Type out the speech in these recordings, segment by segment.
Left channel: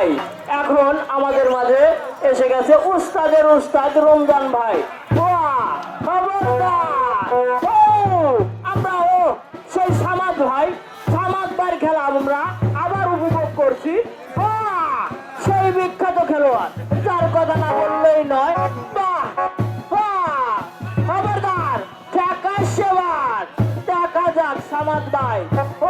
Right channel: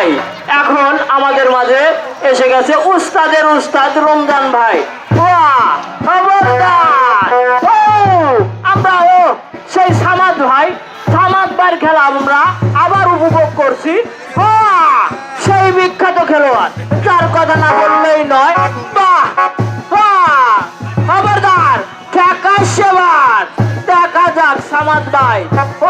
ভাই, এখন আমাদের মাঝে এসে গেছে উস্তাদের উস্তাদ রমজান ভাই সেই সামাদ ভাই, সামাদ ভাইয়ের খেলা আমরা আবার উপভোগ করছি! সেই বিখ্যাত খেলোয়াড়, যার কথা না বললেই নয় বাহ! খবরদার টাকা সেবার দেখা যাক সামাদ ভাই ও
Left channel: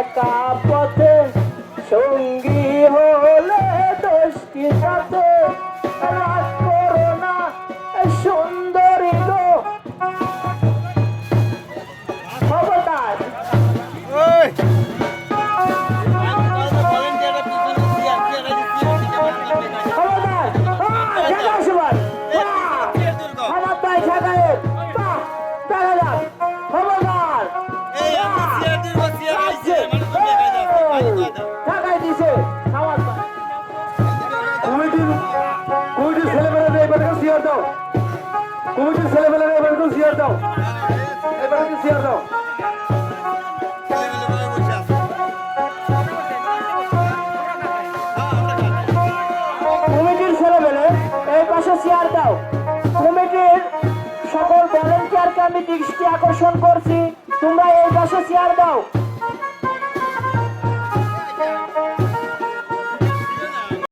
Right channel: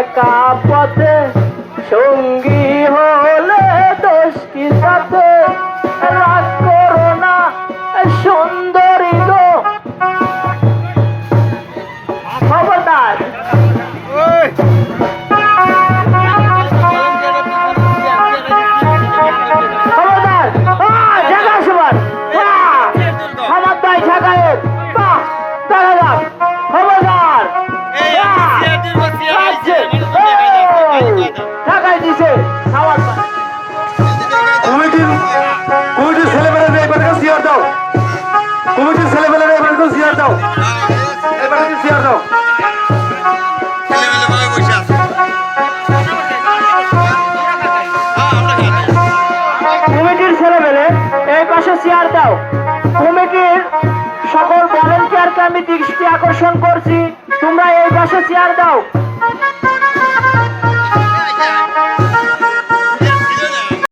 একা পথে সঙ্গী হলে দোষ কি দাও। কমিটির সিয়ার দাও। এবারকে সিয়ার দাও। কমিটির ছেলেমেলে এই পাশে চেয়ার দাও। কমিটির সকল ভলেন্টিয়ারকে আমি দৃষ্টি আকর্ষণ করছি। তোমরা এই পাশে চেয়ার দাও।